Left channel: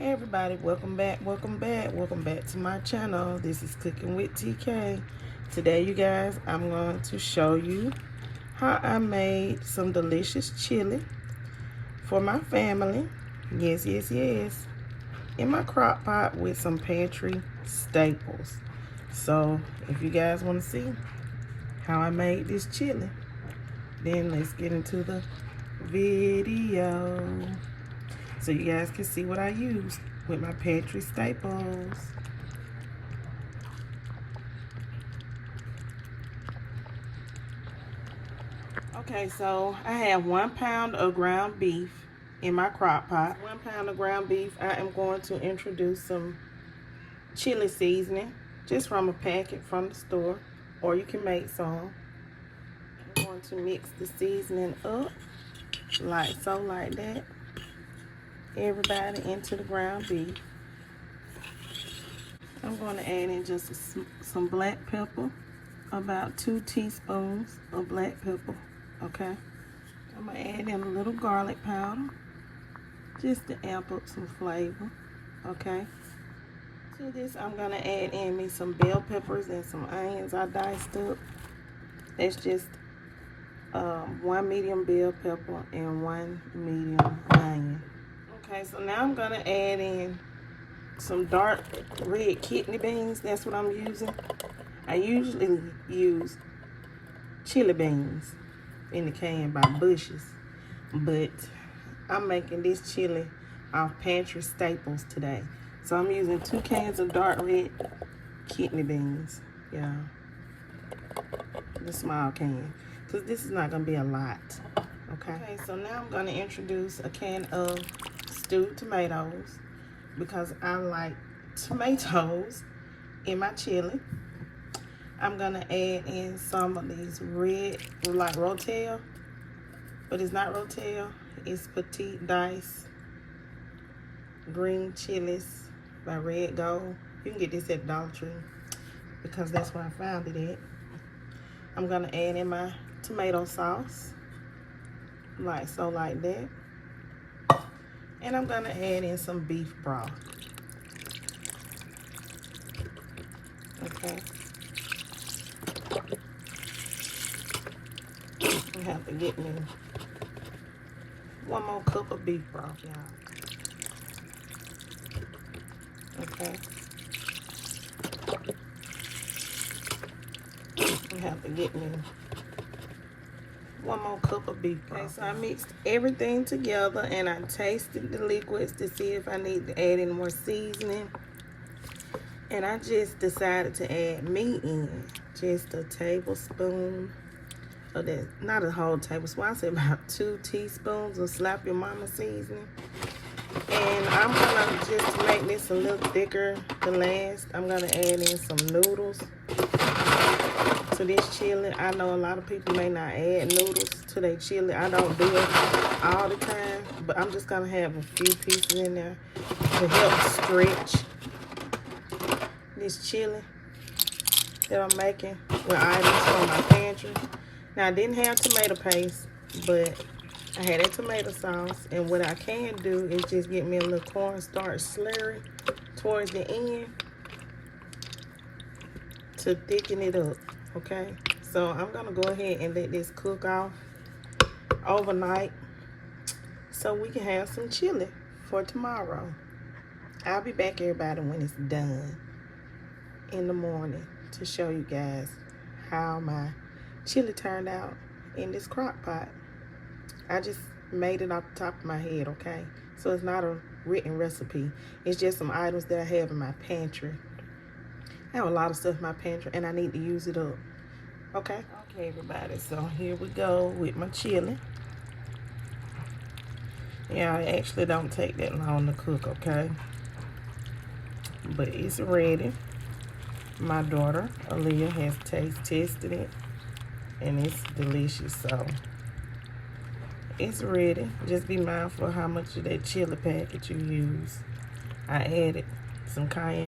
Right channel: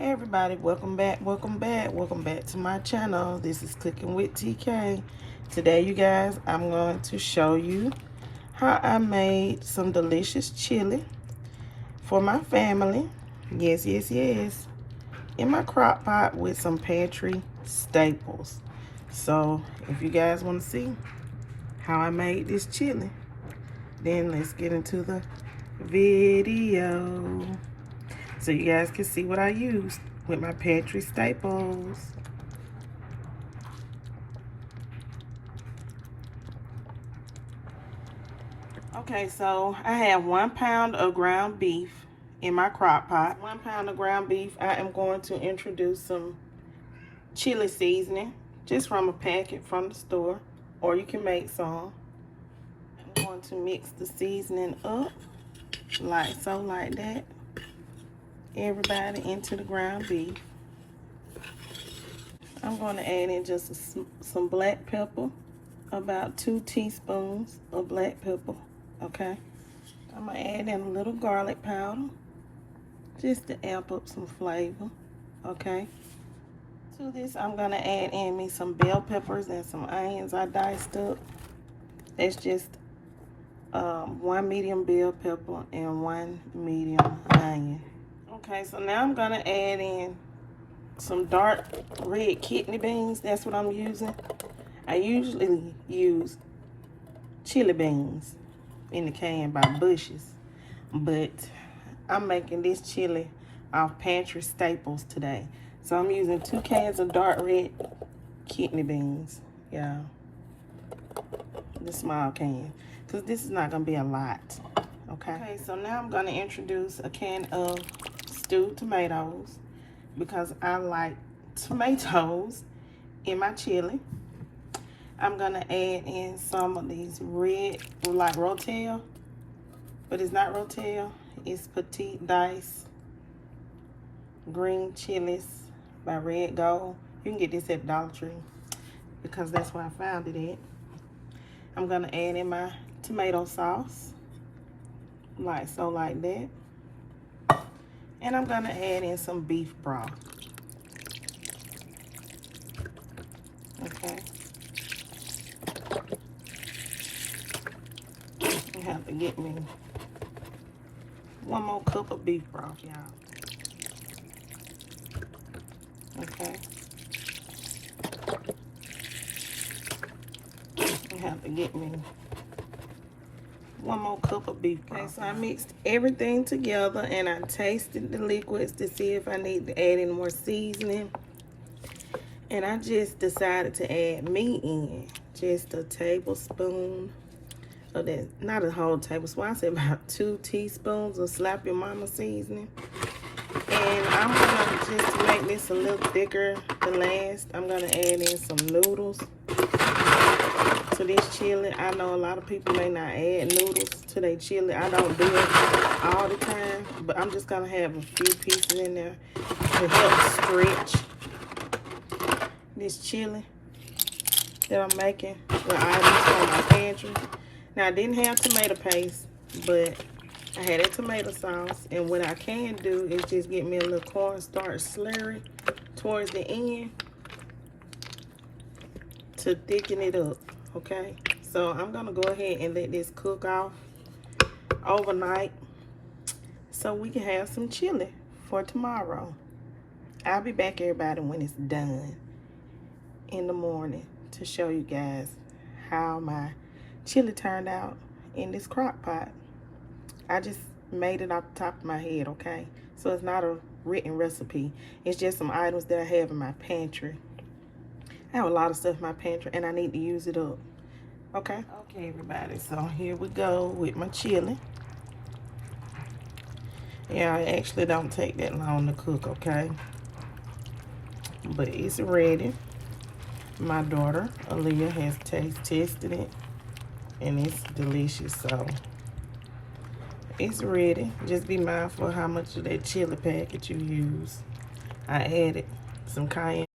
Hey everybody, welcome back to my channel. This is Cooking with TK. Today you guys, I'm going to show you how I made some delicious chili for my family. Yes, in my crock pot with some pantry staples. So if you guys want to see how I made this chili, then let's get into the video so you guys can see what I used with my pantry staples. Okay, so I have 1 pound of ground beef in my crock pot. 1 pound of ground beef. I am going to introduce some chili seasoning just from a packet from the store, or you can make some. I'm going to mix the seasoning up like so, like that. Everybody into the ground beef. I'm going to add in just some black pepper, about 2 teaspoons of black pepper. Okay, I'm going to add in a little garlic powder just to amp up some flavor. Okay, to this I'm going to add in me some bell peppers and some onions I diced up. That's just 1 medium bell pepper and 1 medium onion. Okay, so now I'm gonna add in some dark red kidney beans. That's what I'm using. I usually use chili beans in the can by Bush's, but I'm making this chili off pantry staples today. So I'm using 2 cans of dark red kidney beans. Yeah, the small can, because this is not gonna be a lot. Okay, so now I'm gonna introduce a can of stewed tomatoes because I like tomatoes in my chili. I'm gonna add in some of these red, like Rotel, but it's not Rotel, it's Petite Dice green chilies by Red Gold. You can get this at Dollar Tree because that's where I found it at. I'm gonna add in my tomato sauce, like so, like that. And I'm gonna add in some beef broth. Okay. I have to get me 1 more cup of beef broth, y'all. Okay. I have to get me 1 more cup of beef broth. Okay, so I mixed everything together and I tasted the liquids to see if I need to add in more seasoning. And I just decided to add meat in, just a tablespoon of that, not a whole tablespoon, I said about 2 teaspoons of Slap Your Mama seasoning. And I'm gonna, just to make this a little thicker than last, I'm gonna add in some noodles to this chili. I know a lot of people may not add noodles to their chili. I don't do it all the time, but I'm just gonna have a few pieces in there to help stretch this chili that I'm making with items from my pantry. Now I didn't have tomato paste, but I had a tomato sauce, and what I can do is just get me a little cornstarch slurry towards the end to thicken it up. Okay, so I'm gonna go ahead and let this cook off overnight so we can have some chili for tomorrow. I'll be back, everybody, when it's done in the morning to show you guys how my chili turned out in this crock pot. I just made it off the top of my head, okay? So it's not a written recipe. It's just some items that I have in my pantry. I have a lot of stuff in my pantry and I need to use it up. Okay? Okay, everybody, so here we go with my chili. Yeah, it actually don't take that long to cook, okay? But it's ready. My daughter, Aaliyah, has tested it and it's delicious, so it's ready. Just be mindful of how much of that chili packet you use. I added some cayenne